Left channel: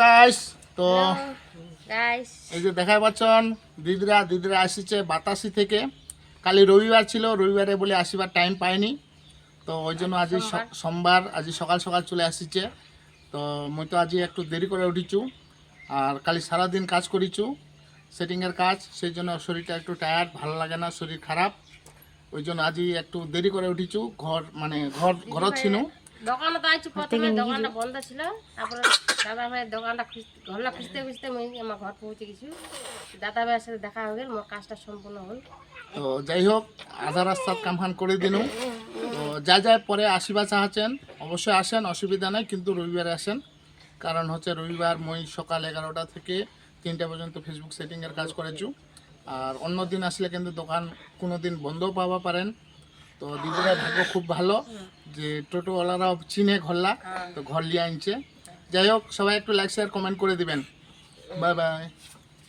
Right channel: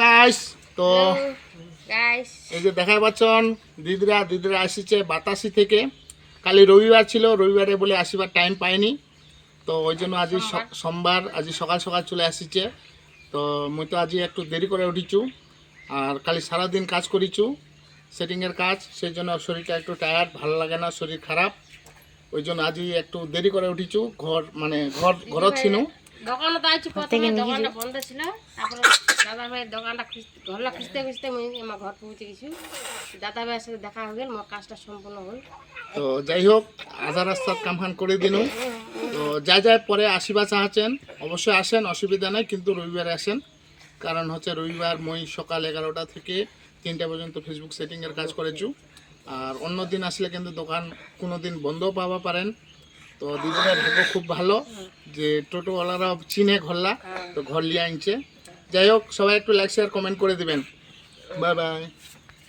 Guys তো guys এই যে দেখা পাচ্ছেন দিদিরা আসছে বাতাসি থেকে। কালি রবিবার ছিল, রবিবারে বলে আসিবার টাইম পাইনি, তো ওই জন্য আজ সোমবার আজ সকাল সকাল চলে আসছে। তো মুই তো আজ একটু দেরি করে উঠিছু, আর কালি সারাদিন কাজ করিছু সেটিংয়ের কাজ, সেই জন্য শরীরটা একটু টায়ার্ড, ভালো লাগে না, শরীর খারাপ, ওই জন্য আজ একটু দেরি করে উঠিছু। ঘর ছিল দোকানে তো আইছি, প্রথমে দোকানটা বন্ধ ছিল, তারপরে দাদা ভাইয়ের দোকানটা ঘরটা খুঁজতে খুঁজতে মুই আমার ঘর পৌঁছে গেছি। দাদা ভাইয়ের সাথে দেখা হয়ে গেল, মোর কাজটা সম্পূর্ণ হল। তো যাই হোক আধা রাস্তার কামখান করে দিনু। তো যাই পরে আসিবা চাহাচ্ছেন অবশ্যই আসেন, অসুবিধা নেই, কিন্তু রবিবারে আসেন। কারণ হচ্ছে রবিবার মই সকাল 11টা থেকে 3টা পর্যন্ত ফেসবুক সেটিংয়ের কাজ করেছু। আর অন্য দিন আসলে কিন্তু দোকান কোনো দিন বন্ধও পাওয়া পারেন। তো দিদিরা ভাগ্য খুব ভালো যে টোটোওয়ালারা চিনে ঘরলা, তো ঘর লিয়ে আনছে। যাই হোক সবাই একটু লাইক শেয়ার কমেন্ট করে দিবেন। Bye bye.